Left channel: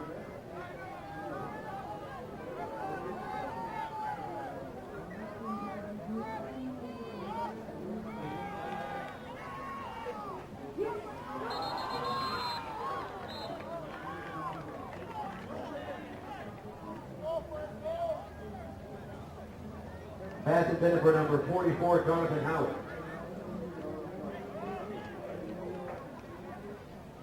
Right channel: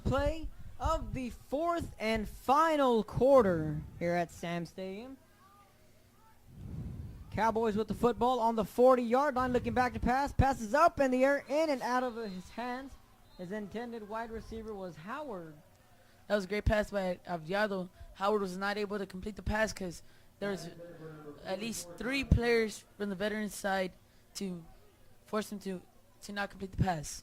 first play of the fourth and final quarter here at Sam Stadium. Cowboys with the football on the 40-yard line, looking back to pass. Passes up in the air, in and out of his hands. His intended wide receiver was Howard. That was a great pass by Abdiado. Howard was not able to complete the pass because there Pass intended for number was at least 44, three Jonathan players Howard. from the veteran side to force him to not complete the pass.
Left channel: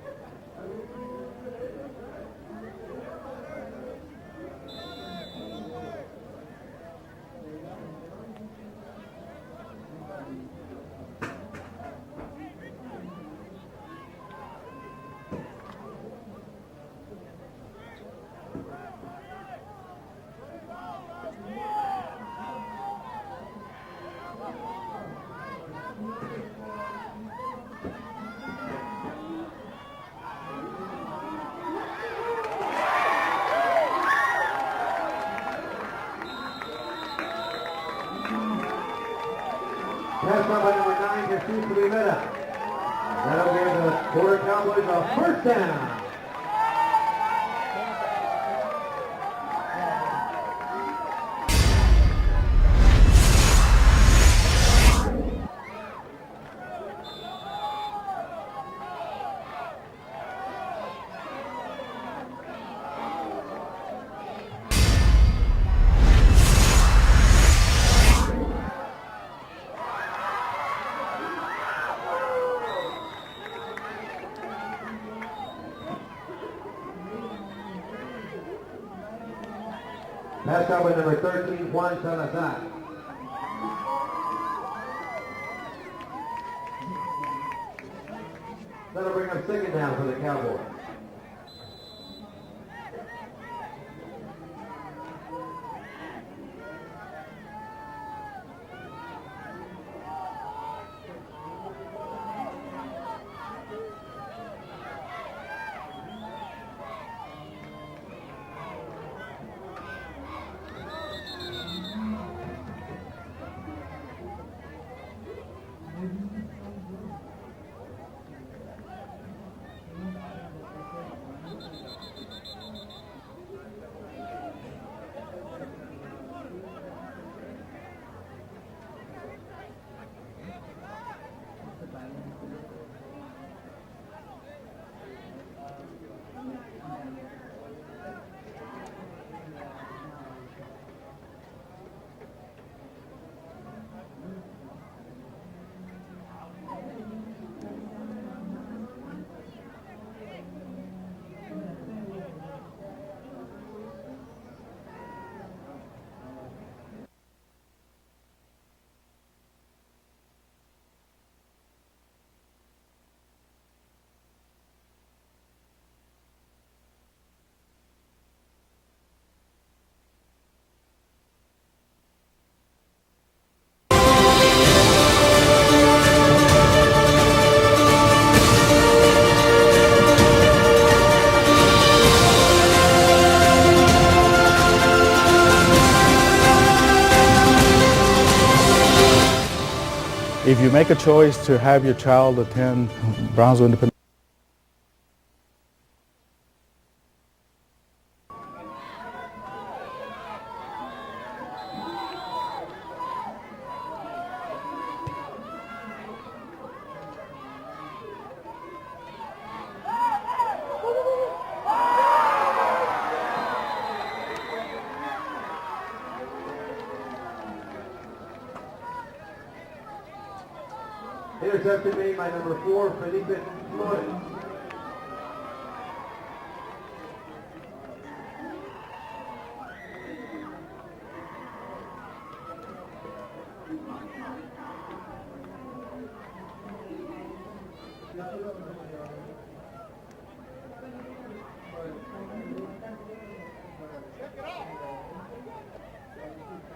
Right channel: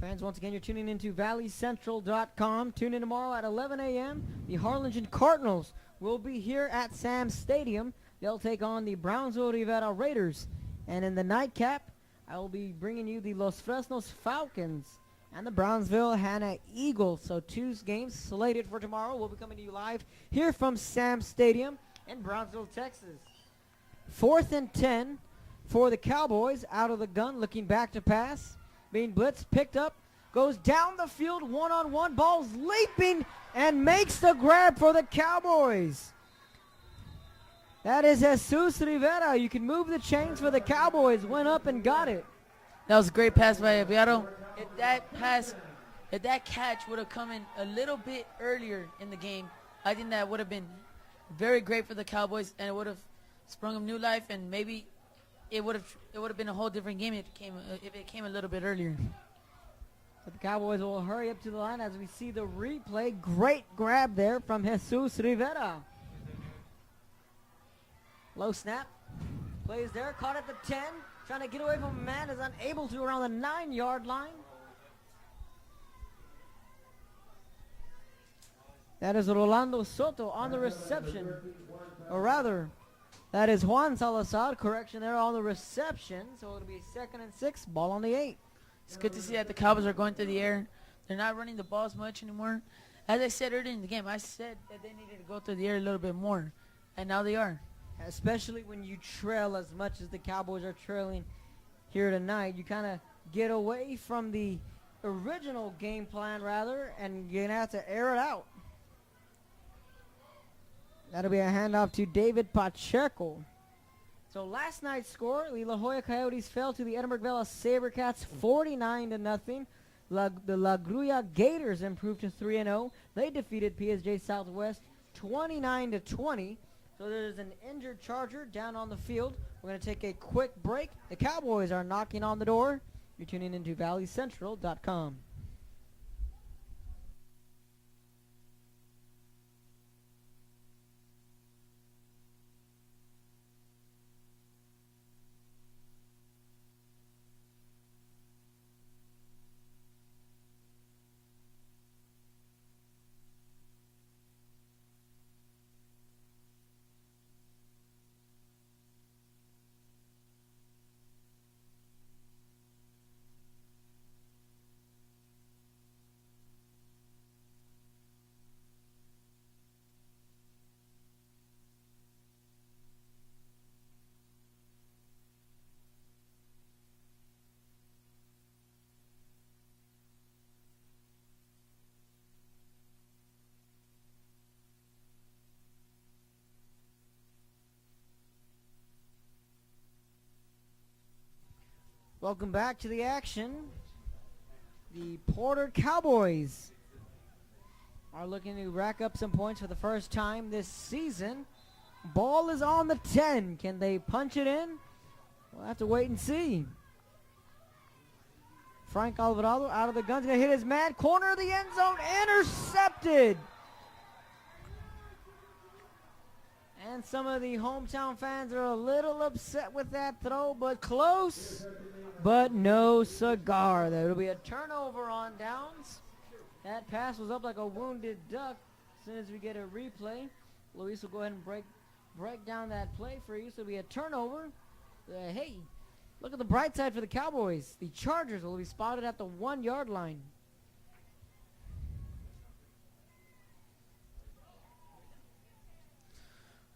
Fans, once again, you're tuning into valleycentral.com. Tune in tomorrow at 11 a.m. The Harlingen Cardinals will be here at Sam Stadium. They'll take on the Brownsville Rivera Raiders. And in the nightcap, I will be bringing you the Los Fresnos Falcons and the Brownsville Hanna Eagles. So two games slated for tomorrow. We'll be coming to you live here from Sam Stadium in Brownsville, Texas. 4th and 10 for the Cowboys. Out of the gun, looking back to pass. Being blitzed, picked up, goes down the field, one-on-one, ball leaping, and makes the grab for the Cowboys. That is Jesus Rivera. You can move the chains for the Cowboys. Went up and got it. That was a great pass by Abdiado. If that catch would have come in a little bit earlier in the game, I think that would have been very great for the Cowboys. It would have been a whole different game if it came a little bit earlier. Cowboys will hurry up to the line as we see the replay. Great grab there from Jesus Rivera. No snap. Plays there, caught at the 10. Able to around the 9-yard line. That is Rolando Soto on Pass out with the number 13, Juan Salazar. that is Juan Salazar. Correction there on the reception. So 2nd and 6, ball on the 8. It's good to see that the Cowboys are going through the air. They're not running the ball as much anymore. As I said earlier in the game, I said go through the air a little bit more, and now they are. Especially when you trail as much as the Cowboys are trailing here tonight. You kind of get away from the original game plan, rather, and you're going to have to air it out. That'll be a handoff to David Pacheco. So last night's score, the La Jolla Coyotes fell to the Edinburgh Vela Sabercats 49-0. The La Grulla Gators improved to 3-0. They defeated PSJ Southwest 29-20. So there's an injured Charger down on the field. We're going to take a quick break. The Cowboys are knocking on the door. You're tuning into valleycentral.com. If you make a choice to have your child attend Brownsville Independent, The Porter Cowboys are looking to rack up some points for the first time this season. Ball is on the 10. Can they punch it in? We'll have to wait and see. Frank Alvarado out of the gun, going to hit his man. Corner of the end zone, intercepted. And some of the hometown fans are a little upset with that throw, but close. Interception made by But number no 4, Felipe cigar. Flores. There will be a turnover on downs. That pass was up like a wounded duck. As soon as you get a replay, Luis will go ahead and break down that play for you. So it'll be a turnover. Hey, look at the bright side for the Cowboys. The Chargers will be spotted at the 1-yard line.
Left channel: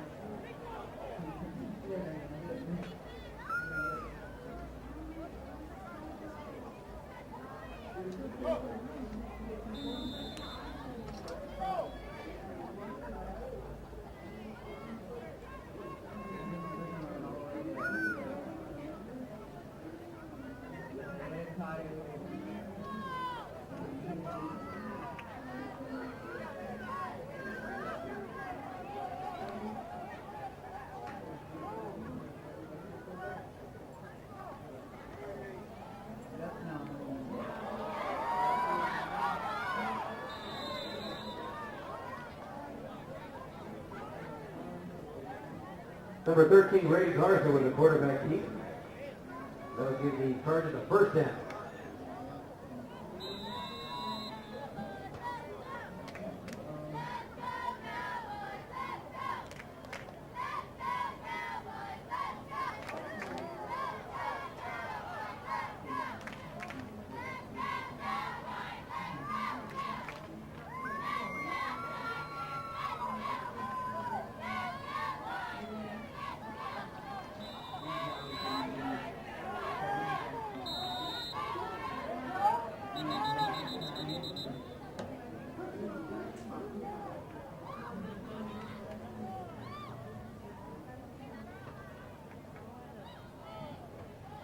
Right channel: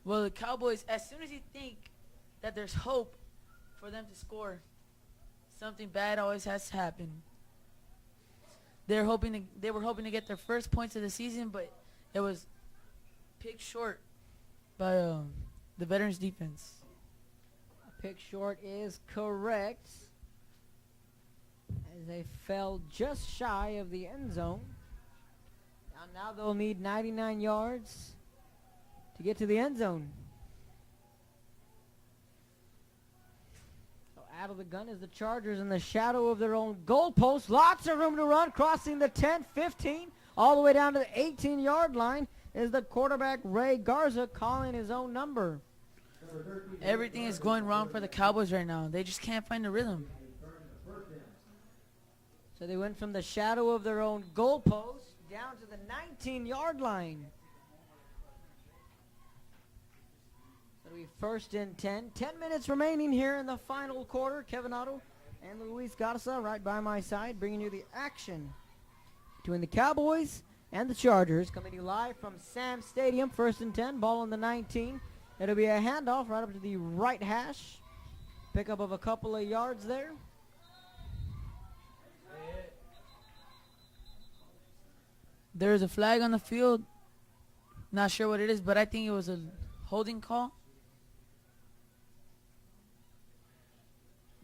Well, the Cowboys, as soon as you think that there's hope for them to score, something bad always has to happen. They were hoping to get their first points of the season, but it was picked short by the veterans defense. Pick short is correct. A fell just shy of the end zone. Now they'll need 99 yards to get to the end zone. Out of the gun is the Chargers in the shadow of their own goalpost. Lots of room to run, crossing the 10, 15, all the way down to the 18-yard line is the quarterback Ray Garza calling his own number. Number 13, Ray Everything is Garza, going the wrong for the quarterback. Cowboys right now. They just can't find the rhythm. Give the Chargers a first down. So they went from the shadow of their own goalpost down to the 19-yard line. First and 10. 10 minutes remaining here in the final quarter. Kevin Otto and Luis Garza right by my side, bringing you the action between the Cowboys and the Chargers. Coming live from Sam Stadium. First and 10. Ball on the 19. It'll be a handoff right up to the right hash. Pickup of a couple of yards there. There is a flag on the field. Not sure what it is, but I think it was a holding call.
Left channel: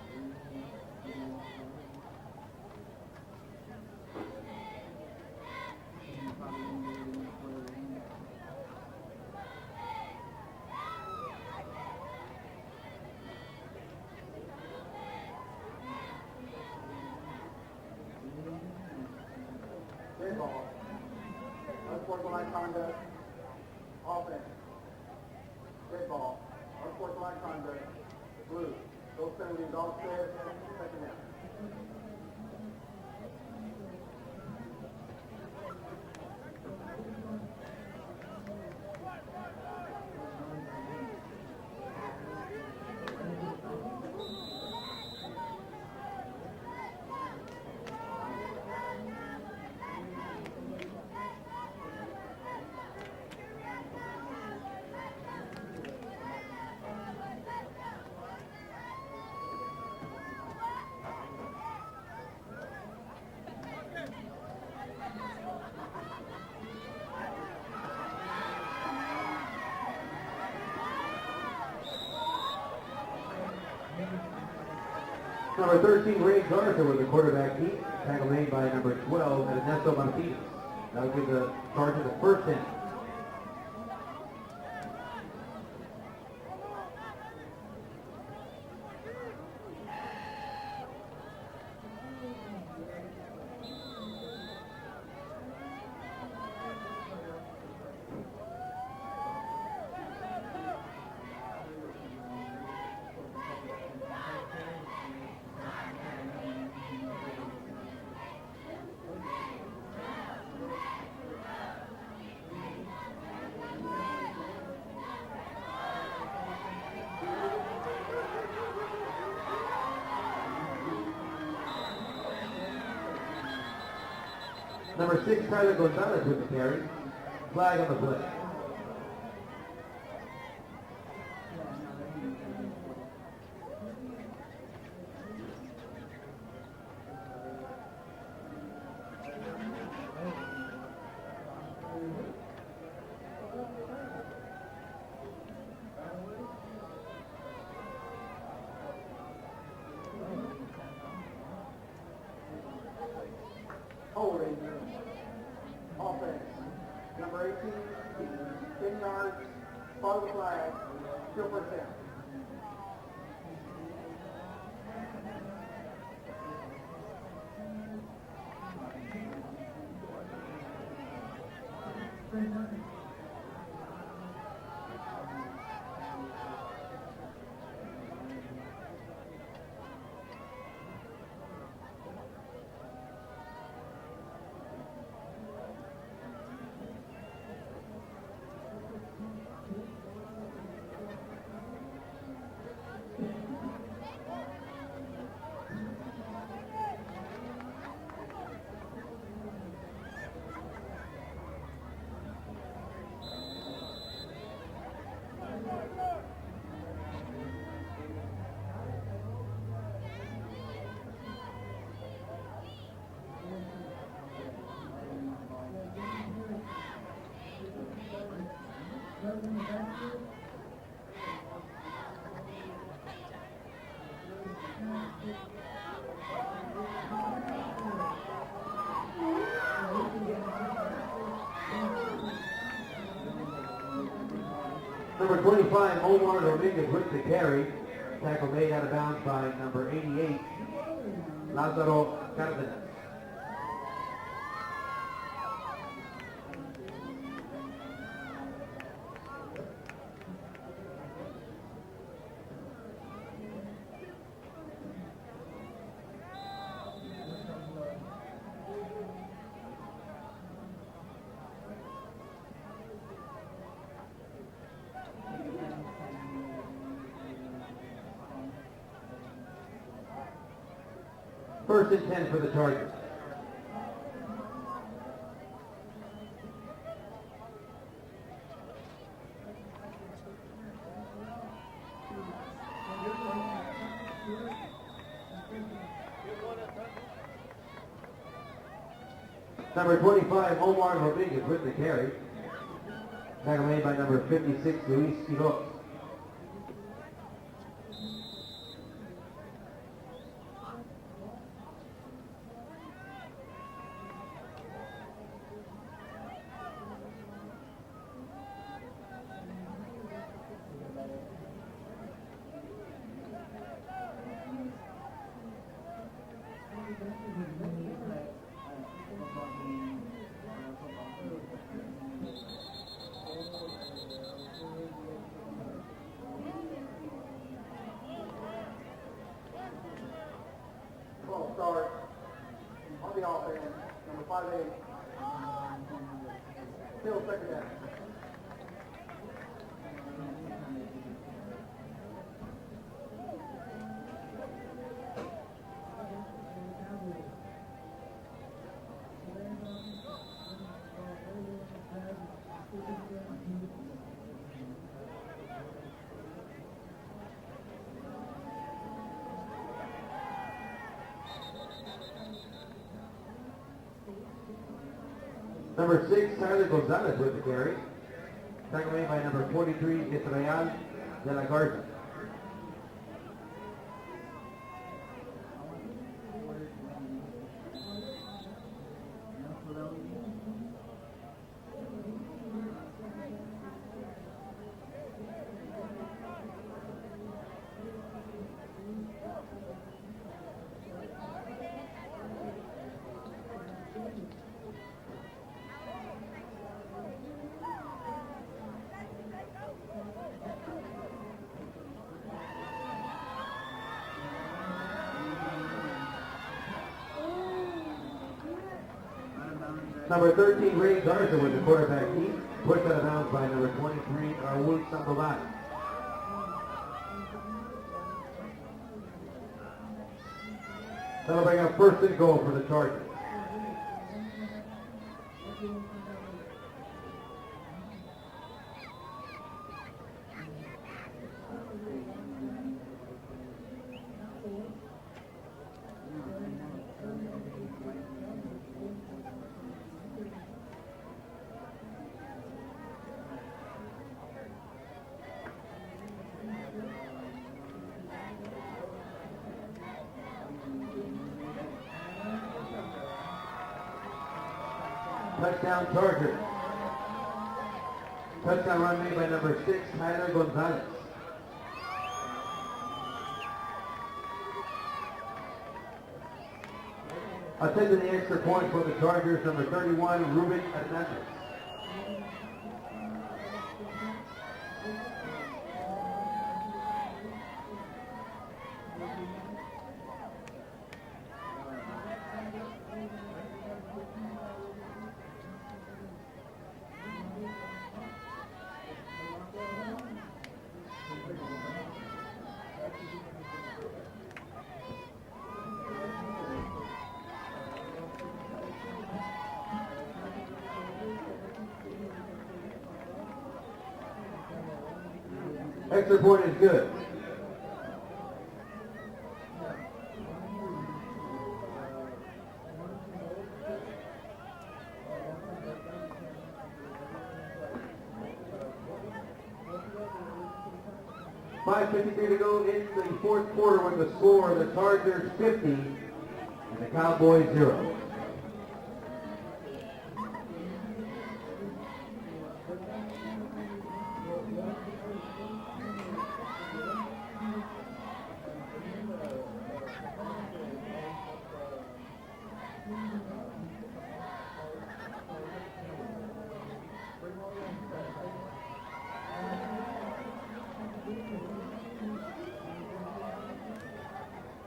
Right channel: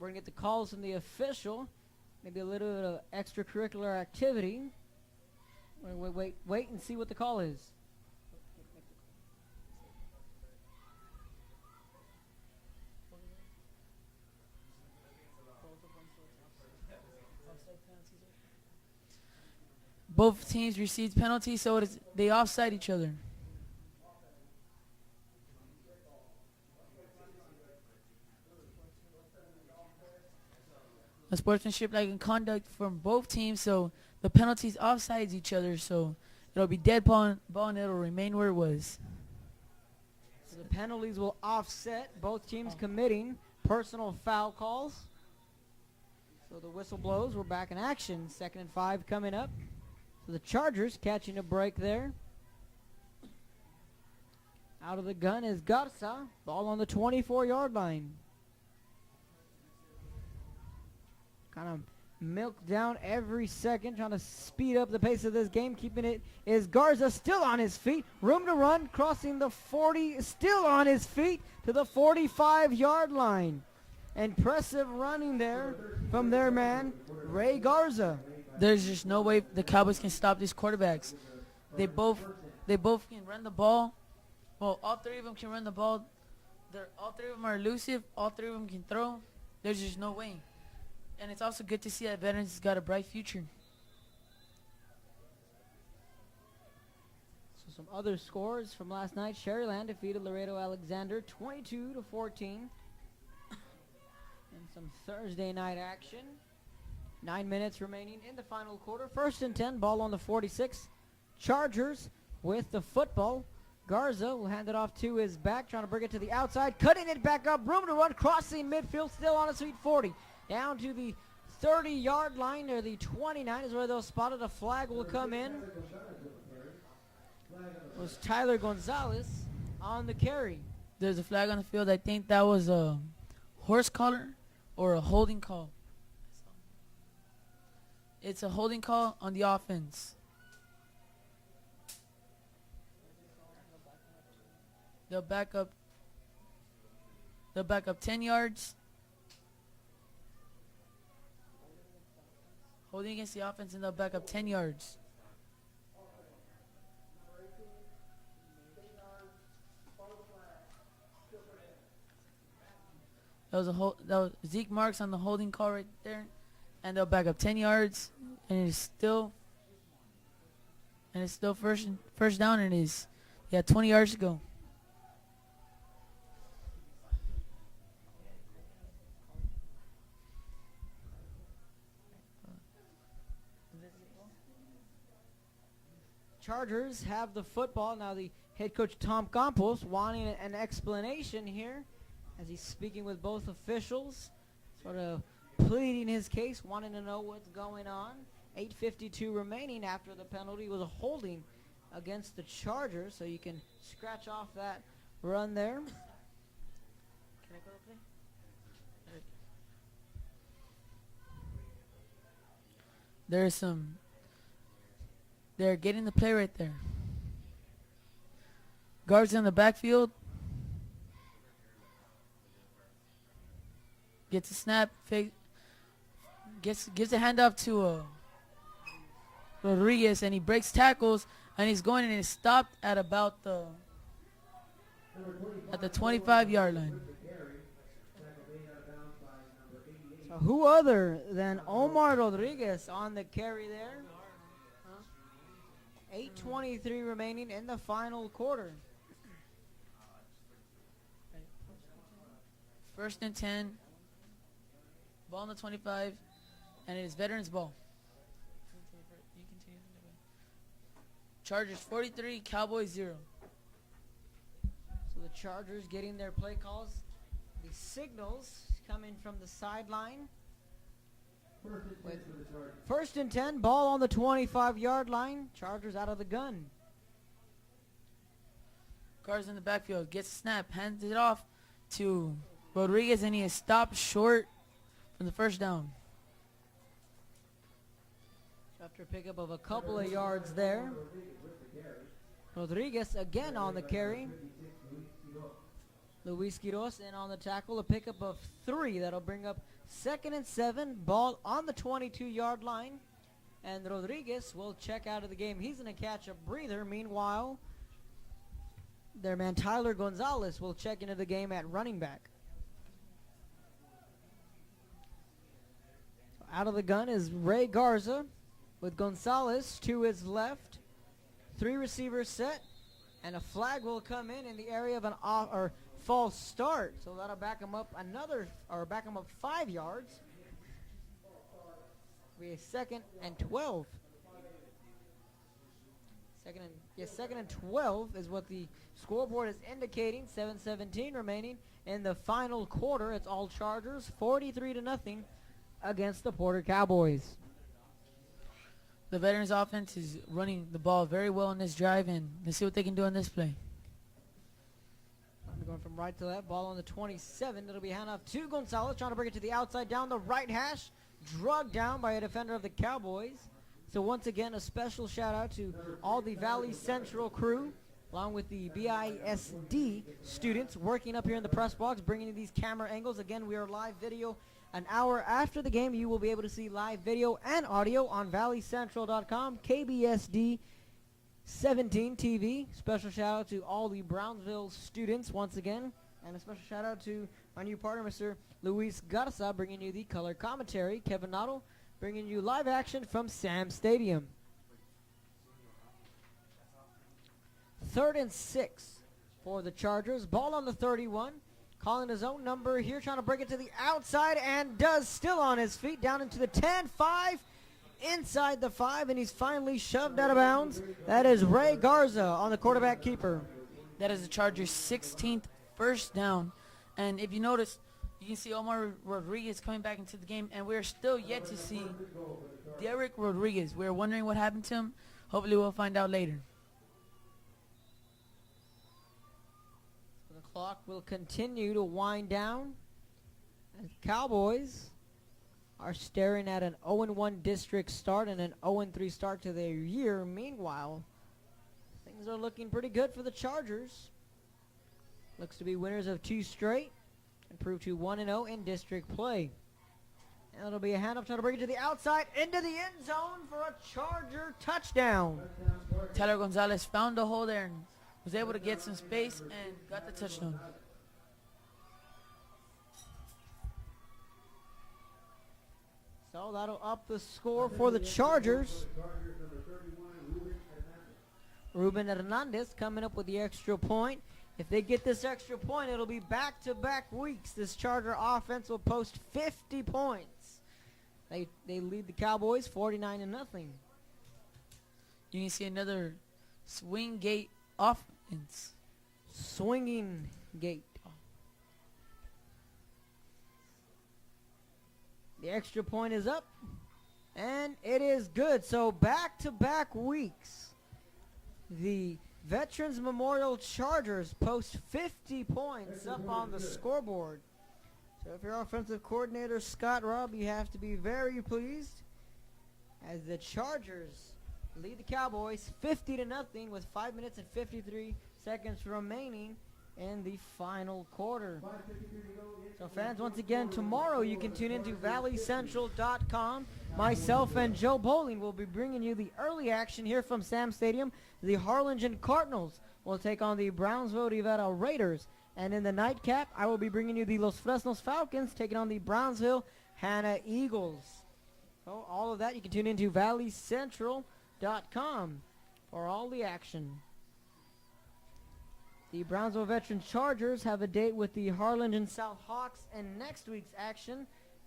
We're going to get the calls from the official. Maybe a little bit of extracurricular activity. And we'll wait and see what the call is. Both teams received penalties, so they offside each other. Offense. Red ball. Unsportsmanlike conduct. Blue. Those penalties all fair. Second down. A sportsmanship-like conduct from both teams, so the penalties offsides each other, so it'll be dead ball and it'll remain where it was. Some penalties will offset both teams committing personal foul calls. The whistle blows. We're back in action. 2nd and 5 coming up. The Chargers catching a break there. Out of the gun is Gutsa. Ball on the 24-yard line. Milked down every second, trying to speed up the pace of this game. Keeping it is Garza, still on his feet. Room to run, crossing the 40, still on his feet to the 45-yard line. Impressive running there Number 13, from Ray their Garza man, with the quarterback. Ray Garza. Tackle made by There's number just no way 12, the and Cowboys that's can on stop feet. these quarterbacks. That'll give the They Chargers both a first down. run the ball. Well, all three of them can run the ball. All three of them are elusive. All three of them can throw. There's just no way. And it's also good to see that Veterans has got a bright future. Other scores from last night: Sherryland defeated Laredo Alexander 22-14. Thursday night action. 9 minutes remaining in the final quarter. First and 10, ball on the 46. Chargers with the football. Garza will hand it off to his back, trying to bring it to the outside, cutting it back up, room to run, crossing midfield, still on his feet, 40. Down to the 30-yard line near the 29 is where they'll spotted a flag will Number come 6, in. Tyler Gonzalez with the carry. Flag on the It was play. Tyler Gonzalez on the carry. There's a flag on the field. I think that was a horse collar or a holding call. It's a holding call on the offense. They'll back up 10 yards. Holding against the offense, and they'll back up 10 yards. Offense. Number 18, 10 yards. Follow the flag. Still first down. That was Zeke Marks on the holding call right there, and they'll back up 10 yards, and it's still first down. And it is 20 yards to go. Chargers have the football. Now the head coach Tom Campos wanting an explanation here as he's speaking with both officials, sort of pleading his case, wanting to know what's going on. 8:52 remaining after the penalty with a holding against the Chargers, so you can scratch off that run there. They're getting the play right there. Guards in the backfield. Gets a snap, fake. gives a handoff to Rodriguez, and he breaks tackles, and he's going and he's stopped at about the Number 25, 25 Omar yard Rodriguez with the carry. Tackle made out of bounds by number 88. Who other than Lázaro Omar Cárdenas. Rodriguez on the carry there. 8:23 remaining in the final quarter. First and 10. Ball on the 25, and it is veterans ball. Chargers 43, Cowboys 0. Chargers getting their play calls. Signals coming from the sideline. First and 10 for the Chargers. First and 10, ball on the 25-yard line. Chargers out of the gun. Carr's in the backfield, gets a snap, hands it off to Rodriguez, and he is stopped short of the first down. After pickup of a couple Number of 25, yards there. Omar Rodriguez with the carry. Rodriguez again Tackle on the made by carry. number 56, Luis Quiroz. Luis Quiroz in on the tackle, a pickup of 3. That'll bring up 2nd and 7, ball on the 22-yard line. And Rodriguez will check out of the game. He's going to catch a breather. Meanwhile, their man Tyler Gonzalez will check into the game at running back. Out of the gun is Ray Garza with Gonzalez to his left. 3 receivers set, and a flag will come in the area of an off or false start. So that'll back him up back him up 5 yards. 12 start. Be a second On the and offense. 12. Number 58. Second and 12 is what the scoreboard is indicating. 7:17 remaining in the final quarter. It's all Chargers, 43-0 against the Border Cowboys. The veterans offense is running the ball very well in this drive, and let's see what they can do on this play. Going from right to left, ball on the 27. It'll be hand off to Gonzalez, trying to bring it to the outside down the right hash. Drugged down by a defender of the Cowboys. So once again, a special shout out to Number all 6, the Tyler Valley Gonzalez Central with the crew, carry. along with the Tackle made by number 43, BISD Israel students working up here in the Garza. press box, bringing in these camera angles. Again, we are live video. An hour after the game, you will be able to see live video and audio on valleycentral.com, KBSD 17 TV. Special shout out to all the Brownsville students once again. And special shout out to our new partner, Mr. Luis Garza, bringing you the color commentary. Kevin Noddle bringing you live action from Sam Stadium. 3rd and 6 for the Chargers. Ball on the 31. Calling his own number here, trying to bring it to the outside, and does, still on his feet, down into the 10-5, inside the 5, and he's finally shoved out of bounds. That is Ray Garza on the quarterback keeper. That is the Chargers' 16th first down. And if you notice, you can see Omar Rodriguez coming back into the game, and we're still That'll yet bring to up see first and goal for the Chargers. Eric Rodriguez. We're wondering what happened to him. Hopefully we'll find out later. Clock will continue to wind down. Cowboys are staring at an 0-1 district start and an 0-3 start to their year. Meanwhile, things are looking pretty good for the Chargers. Looks to be winners of 2 straight. Improved to 1-0 in district play. That'll be a handoff to bring it to the outside, into the end zone for a Charger touchdown. Touchdown Chargers. Tyler Gonzalez found the hole there. Was able to get Touchdown some run made by space. number 6, Tyler Gonzalez. So that'll up the score for Attending the the extra point Chargers. for the Chargers, number 31, Ruben Hernandez. Ruben Hernandez coming up with the extra point. If they get this extra point, it'll be back-to-back weeks. This Charger offense will post 50 points. They lead the Cowboys 49-0. You can see another swing gate offense. Swinging gate. The extra point is up, and it is good. So back-to-back weeks, the Veterans Memorial Chargers post 50 points. Extra point is on the good. scoreboard. If you're offensive coordinator Scott Robb, you have to be very pleased. And the Chargers lead the Cowboys 50 to nothing with 5 minutes and 53 seconds remaining in the final quarter. 5:53 to go in the Fans, fourth once again, quarter with the tomorrow score you of the can tune Chargers into 50. valleycentral.com. the Myself Cowboys and 0. Joe Bowling will be bringing you the early action here from Sam Stadium. The Harlingen Cardinals will take on the Brownsville Rivera Raiders. And in the nightcap, I will be bringing you the Los Fresnos Falcons taking on the Brownsville Hannah Eagles. So all of that you can tune into valleycentral.com for all the action. The Brownsville Veteran Chargers have a date with the Harlingen South Hawks in next week's action.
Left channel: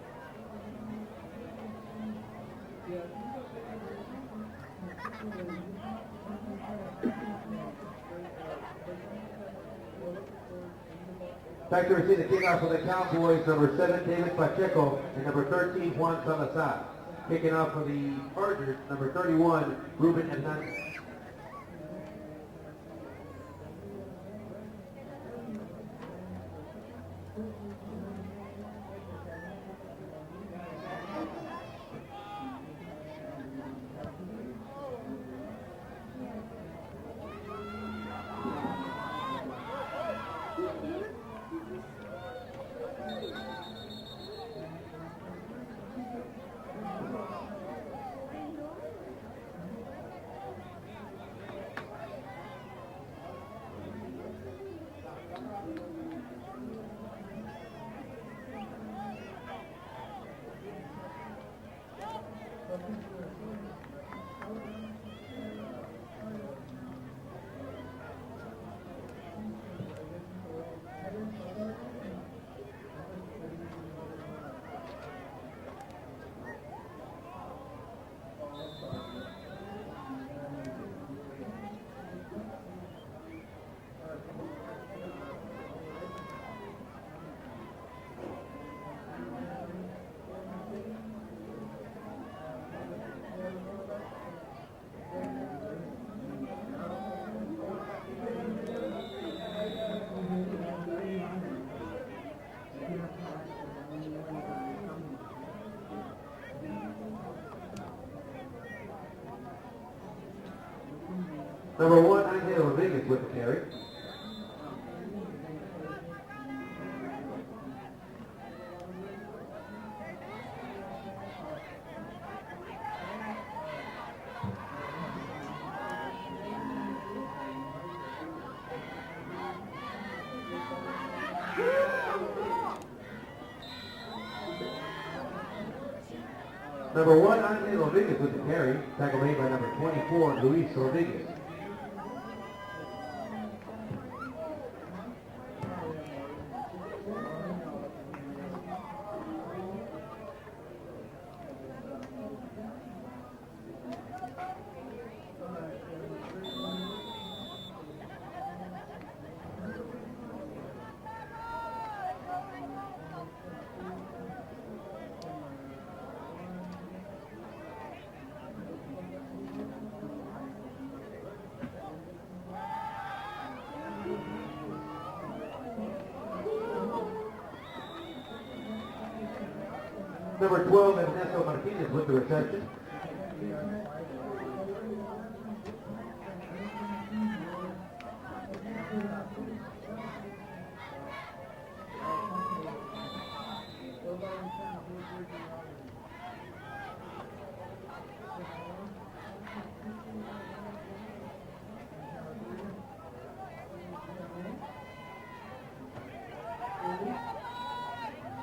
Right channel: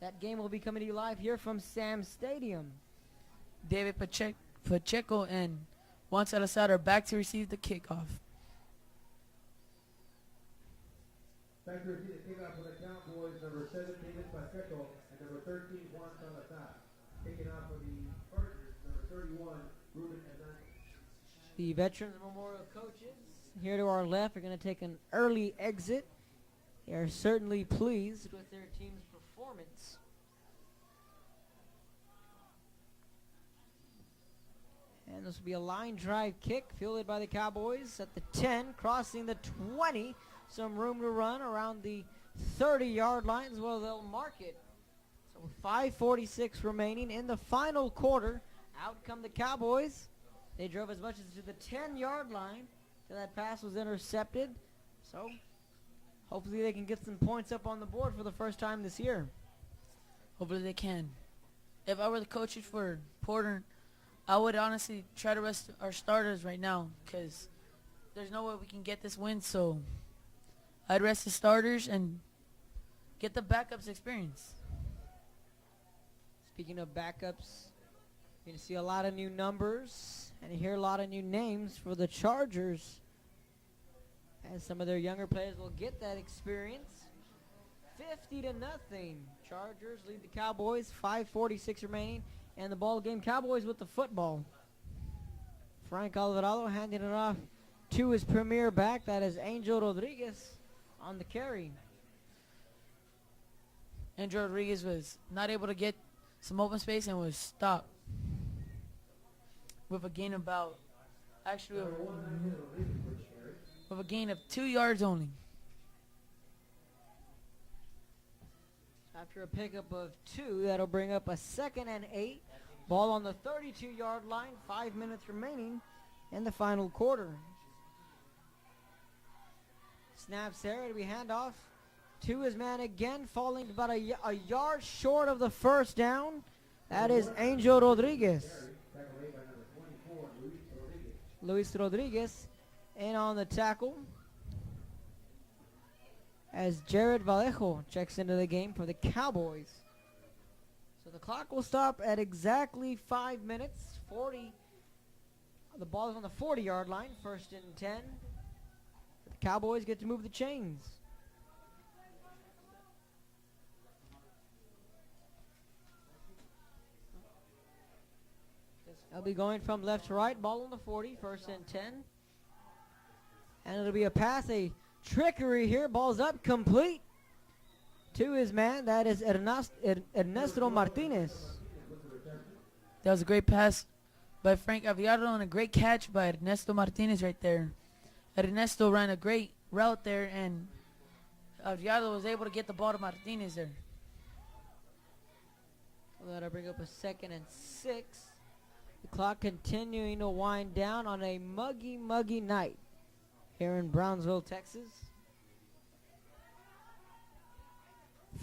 That game will be coming to you live here from Sam Stadium. David Pacheco and Juan Salazar are back to receive the kickoff. Back to receive the kickoff for the Cowboys, number 7, David Pacheco, and number 13, Juan Salazar. Kicking off for the Chargers, number 31, Ruben Hernandez. The veteran here to our left are going to take an early exit. They're certainly pleased. This will be a line drive kick fielded by the Cowboys at the 10, crossing the 20. Some room to run around the 30-yard line as well. They'll mark it. 5:46 remaining in the final quarter. Out come the Cowboys. They drove as much as the 10-yard line. That pass was intercepted. So hopefully they can get some points up on the board for the first time this year. Hopefully they can. If I were the coach for Porter, I would honestly try to rest our starters right now because there's no way we can get this win. So I'd rest the starters and get the backups experience. Speaking of backups, you see a lot of new numbers and you hear a lot of new names for the Chargers. Some of their younger players will get that experience. 50 to nothing. Chargers lead the Cowboys. 5:46 remaining, and the ball again. Cowboys with the football. Frank Alvarado handing it off to his premier back. That is Angel Rodriguez on the carry. Angel Rodriguez was not able to get some open space and was stopped with a gain of about, actually, Number 1, Angel Rodriguez with the carry. with a gain of 2 yards only. After a pickup of 2, that'll bring up a 2nd and 8. Ball on the 32-yard line. 5 minutes remaining in the final quarter. Snaps there, the handoff to his man again, falling about a yard short of the first down. That Number is 1, Angel Rodriguez. with the carry. Tackle made by number 24, Luis Rodriguez. Luis Rodriguez in on the tackle as Jared Vallejo checks into the game for the Cowboys. The clock will stop at exactly 5 minutes. 40. The ball is on the 40-yard line, 1st and 10. Cowboys get to move the chains. They'll be going from left to right. Ball on the 40, 1st and 10. And it'll be a pass, a trickery here. Ball's up, complete to his man. That is Ernesto Number 12, Martinez. Ernesto Martinez with the reception. That was a great pass by Frank Aviado and a great catch by Ernesto Martinez right there. Ernesto ran a great route there, and Aviado was able to get the ball to Martinez there. That'll bring up a 2nd and 6. Clock continuing to wind down on a muggy night here in Brownsville, Texas.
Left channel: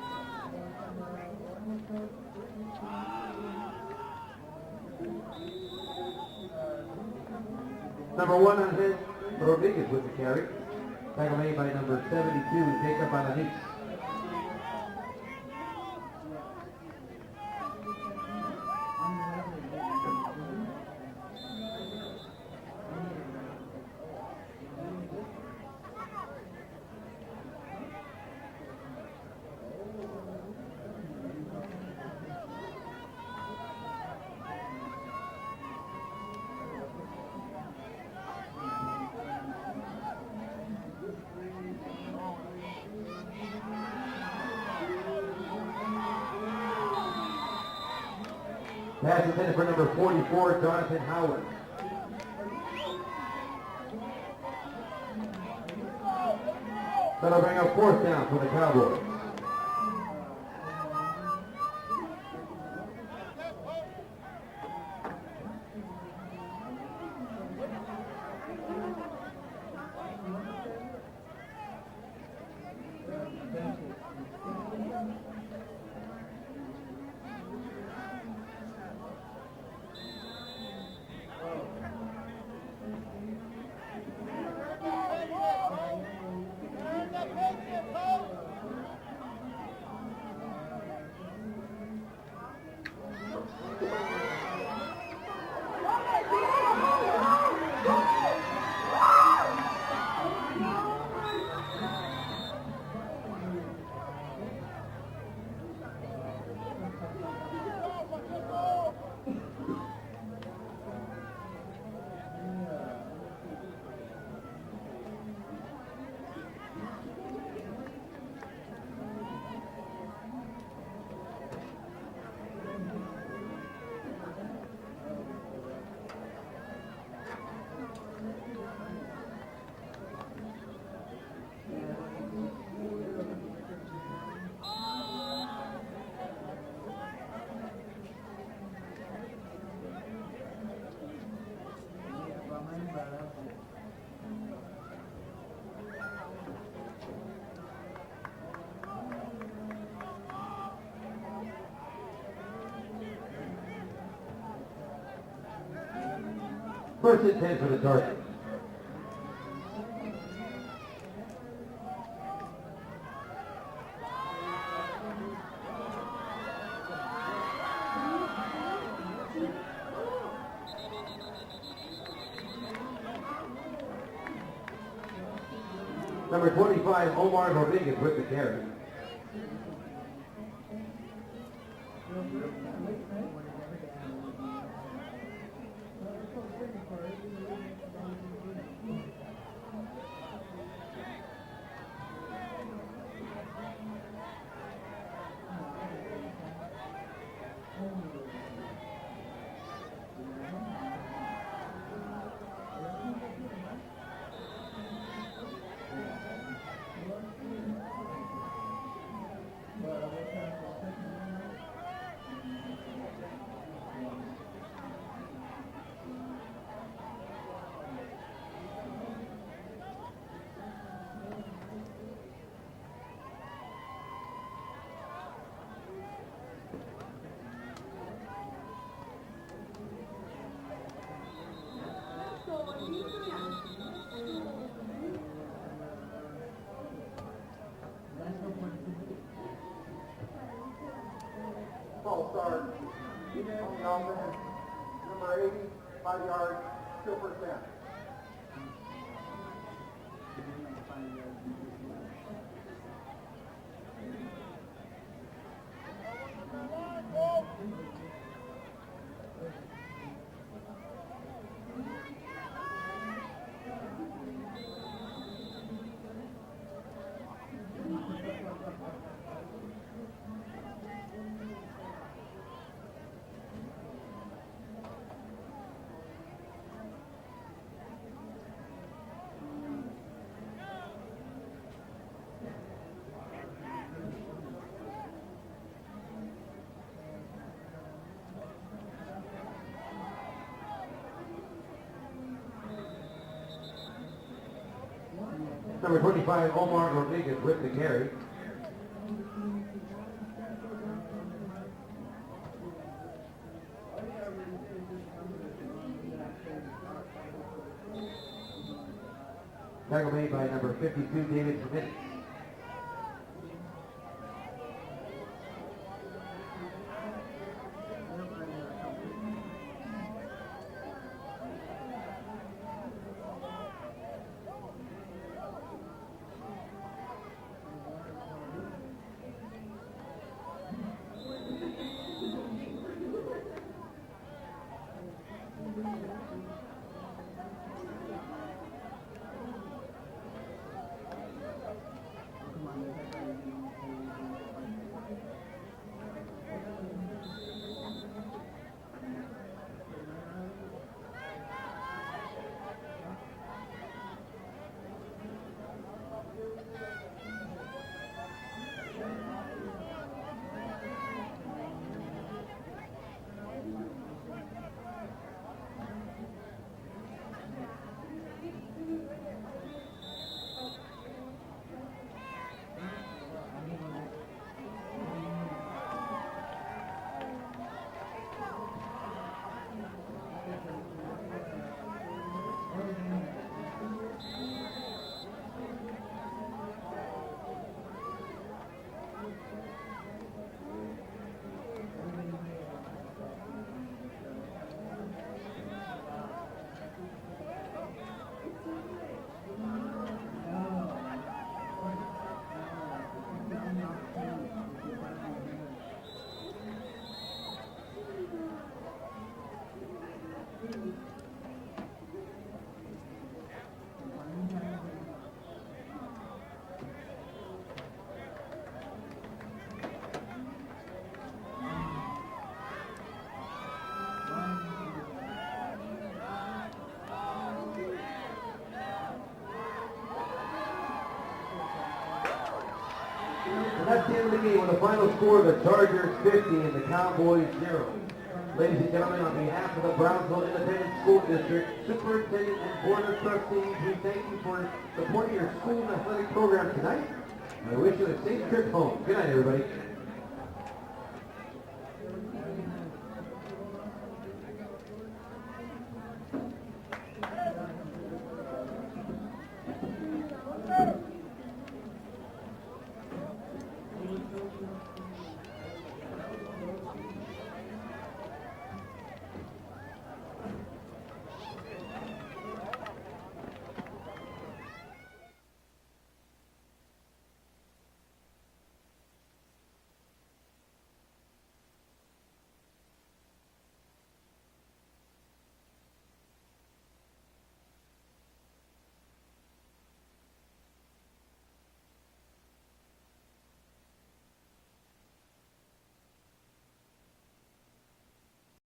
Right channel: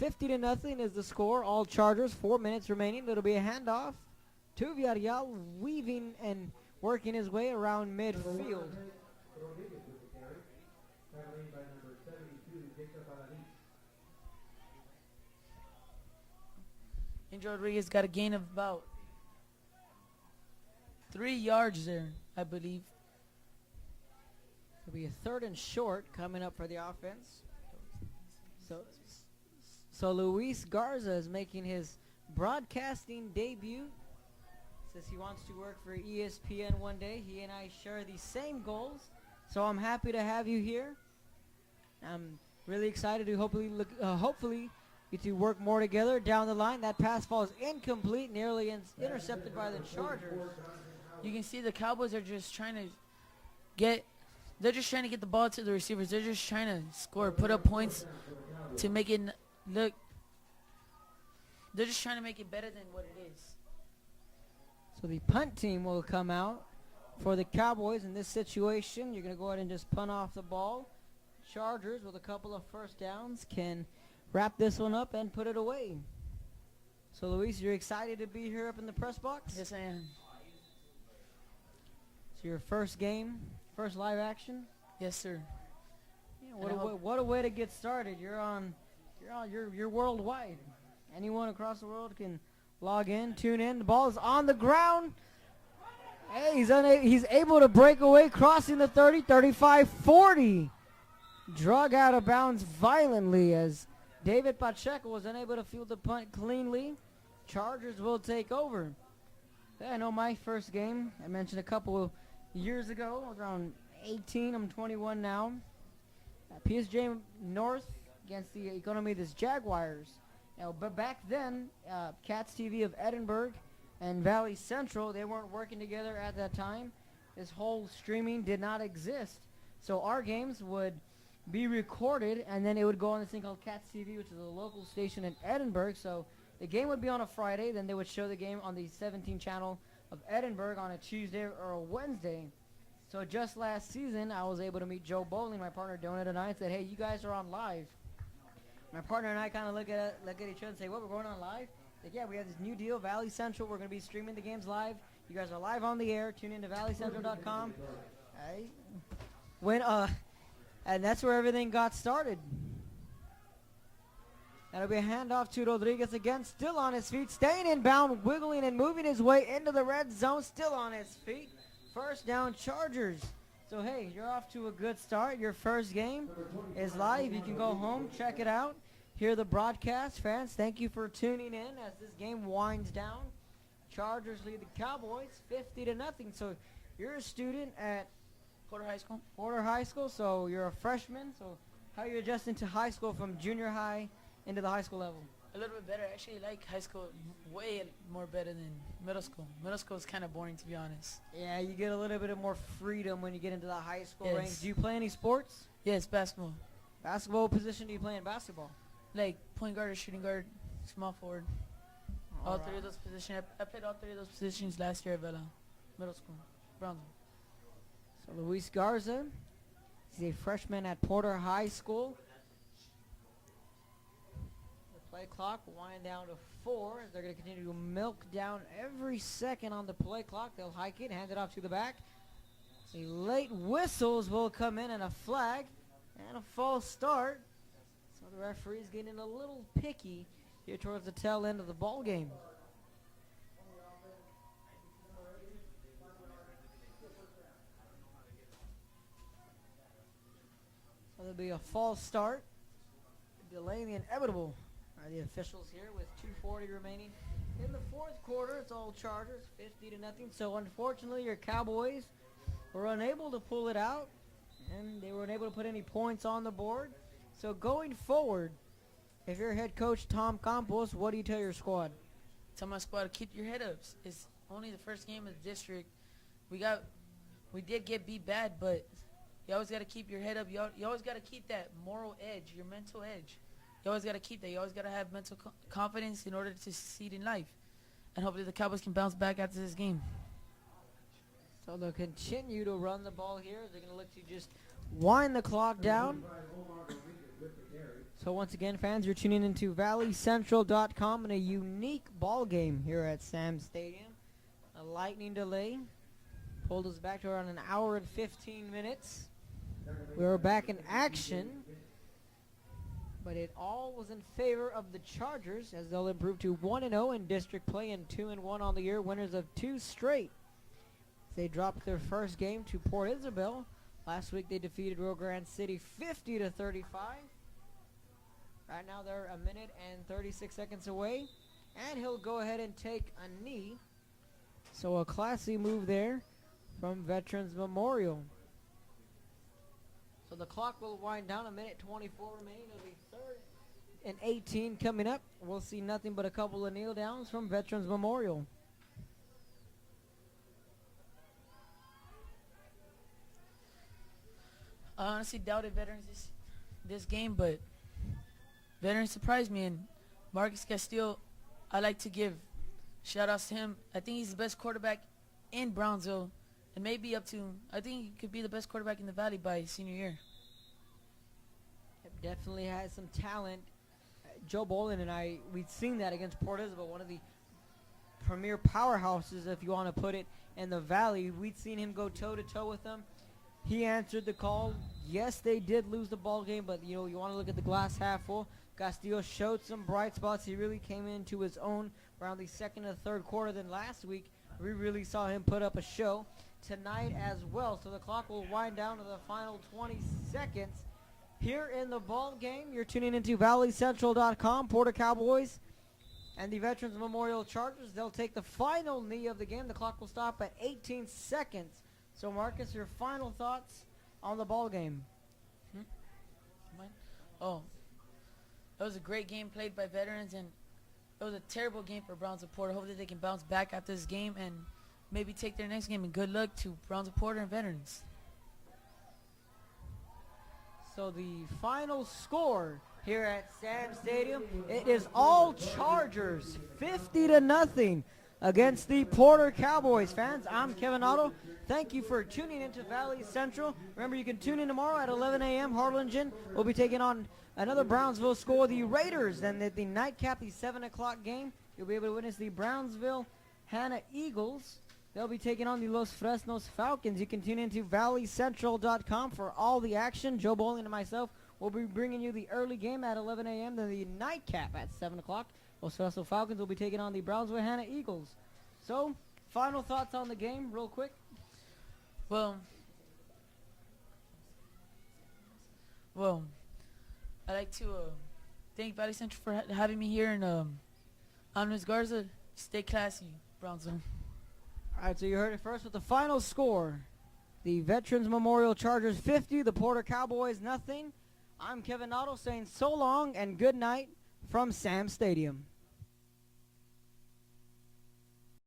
50 to nothing is the score. All Chargers. 4 minutes remaining. It'll be a handoff to Villarreal, weaving and working his way around midfield. Number 1, Angel Rodriguez with the carry. Tackle made by number 72, Jacob Alanis. Angel Rodriguez got a gain of about 3 yards there, I believe. It'll be a 3rd and short coming up for the offense. So Luis Garza is making his broadcasting debut. He wants to work for ESPN one day. He and I share the same goals. So I'm happy to have you here. I'm Really excited to hopefully to work more together down the line. That pass falls incomplete, nearly Pass intended for number 44, Jonathan You Howard. can see the Cowboys are just trying to get. They're just trying to get the ball to the receivers. They're just trying to score, That'll put bring up up fourth points down for the to Cowboys. make it look. They're just trying to make it better than. So the punt team will come out for the Cowboys in this situation. You're going to go ahead and just punt off the ball. Chargers with a couple of first downs can wrap this one up and put it away. So Luis, you're excited to be here up in the press box? Yes, I am. So your first game, first live action? Yes, sir. What a way to get started. You're worldwide. Anyone across the world can log in, tune in. The ball's on the ground. He's able to break away, crossing the 30, 35, 40. Drug out of bounds violently as David Pacheco was unable to field the punt cleanly. Chargers will take over. Yeah, I know my first game, I mentioned a couple of years ago, around 18, I'm 21 now. PSG North against the gonna be this Jaguars. But back then, Cats TV of Edinburgh and Valley Central, they weren't working together at that time. This whole streaming did not exist. So our games would be recorded and then it would go on this thing called Cats TV, which is a local station in Edinburgh. So the game would be on a Friday, then they would show the game on the 17 channel of Edinburgh on a Tuesday or a Wednesday. So just last season, I was able to meet Joe Bowling, my partner during the night, said, hey, you guys are on live. My partner and I kind of look at each other and say, well, we're going on live? But yeah, we have this new deal, Valley Central. We're going to be streaming the games live. You guys are live on the air. Tune into Valley Central. First and 10 for the Chargers. And that's where everything got started. That'll be a handoff to Rodriguez again, still on his feet, staying in bound, wiggling and moving his way into the red zone, still on his feet. First down, Chargers. So hey, you're off to a good start. Your first game. Number 25, Omar Rodriguez with the Check it carry. out. Hear the broadcast, fans. Thank you for tuning in as this game winds down. Chargers lead Cowboys 50-0. So you're a student at Porter High School, so you're a freshman. So how are you adjusting to high school from junior high into the high school level? A little bit better. Actually, like high school way more better than middle school. Middle school is kind of boring, to be honest. Yeah, you get a little bit of more freedom when you get into the high school range. Yes. Do you play any sports? Yes, basketball. Basketball position do you play in basketball? Like point guard, shooting guard, small forward. All three of those positions. I played all three of those positions last year at Bella. Middle school. Luis Garza is a freshman at Porter High School. Play clock wind down to 4. They're going to continue to milk down every second on the play clock. They'll hike it, hand it off to the back. Late whistles will come in and a flag and a false start. The referee's getting a little picky here towards the tail end of the ball game. Start. Number 80, 5 yards, still first down. It'll be a false start, delaying the inevitable. The officials quarter, it's all charged. So unfortunately, your Cowboys were unable to pull it out. They weren't able to put any points on the board. So going forward, if you're head coach Tom Campos, what do you tell your squad? Tell my squad to keep your head up. It's only the first game in the district. We did get beat bad, but you always got to keep your head up. You always got to keep that moral edge, your mental edge. You always got to keep that. You always got to have mental confidence in order to succeed in life. And hopefully the Cowboys can bounce back after this game. So they'll continue to run the ball here. They'll let you just wind the clock Number down. 25, Omar Rodriguez with the carry. So once again, fans, you're tuning into valleycentral.com in a unique ball game here at Sam Stadium. A lightning delay pulled us back to around an hour and 15 minutes. Tackle made We're by back number in 52, action. David Smith. But it all was in favor of the Chargers as they'll improve to 1-0 in district play and 2-1 on the year, winners of 2 straight. They dropped their first game to Port Isabel. Last week they defeated Rio Grande City 50-35. Right now they're a minute and 36 seconds away, and he'll go ahead and take a knee. So a classy move there from Veterans Memorial. And the clock will wind down a minute 24. 18 coming up. We'll see nothing but a couple of kneel downs from Veterans Memorial. I honestly doubted Veterans this game, but Veterans surprised me. And Marcus Castillo, I like to give shout outs to him. I think he's the best quarterback in Brownsville, and maybe up to, I think he could be the best quarterback in the Valley by his senior year. Definitely has some talent. Joe Bolin and I, we've seen that against Portisville, one of the premier powerhouses, if you want to put it, in the Valley. We'd seen him go toe-to-toe with them. He answered the call. Yes, they did lose the ball game, but you know, you want to look at the glass half full. Castillo showed some bright spots. He really came into his own around the second and third quarter. Then last week, we really saw him put up a show tonight as well. So the clock will wind down to the final 20 seconds. Here in the ball game, you're tuning into valleycentral.com. Porter Cowboys and the Veterans Memorial Chargers. They'll take the final knee of the game. The clock will stop at 18 seconds. So Marcus, your final thoughts on the ball game? Oh, it was a great game played by Veterans, and it was a terrible game for Brownsville Porter. Hopefully they can bounce back after this game and maybe take their next game. And good luck to Brownsville Porter and Veterans. Final score here at That's the end of the game. With the final score, the Chargers 50 and the Cowboys 0 against the Porter Cowboys. Fans, I'm Kevin Otto. Thank you for tuning in to Valley Central. Remember, you can tune in tomorrow at 11 a.m. Harlingen will be taking on another Brownsville school, the Raiders, and at the nightcap, the 7 o'clock game, you'll be able to witness the Brownsville Hannah Eagles. They'll be taking on the Los Fresnos Falcons. You can tune into valleycentral.com for all the action. Joe Bowling and myself will be bringing you the early game at 11 a.m. Then the nightcap at 7 o'clock. Los Fresno Falcons will be taking on the Brownsville Hannah Eagles. So, final thoughts on the game, real quick. Well, I'd like to thank Valley Central for having me here, and I'm Ms. Garza. Stay classy, Brownsville. All right, so you heard it first with the final score. The Veterans Memorial Chargers 50, the Porter Cowboys nothing. I'm Kevin Otto saying so long and good night from Sam Stadium.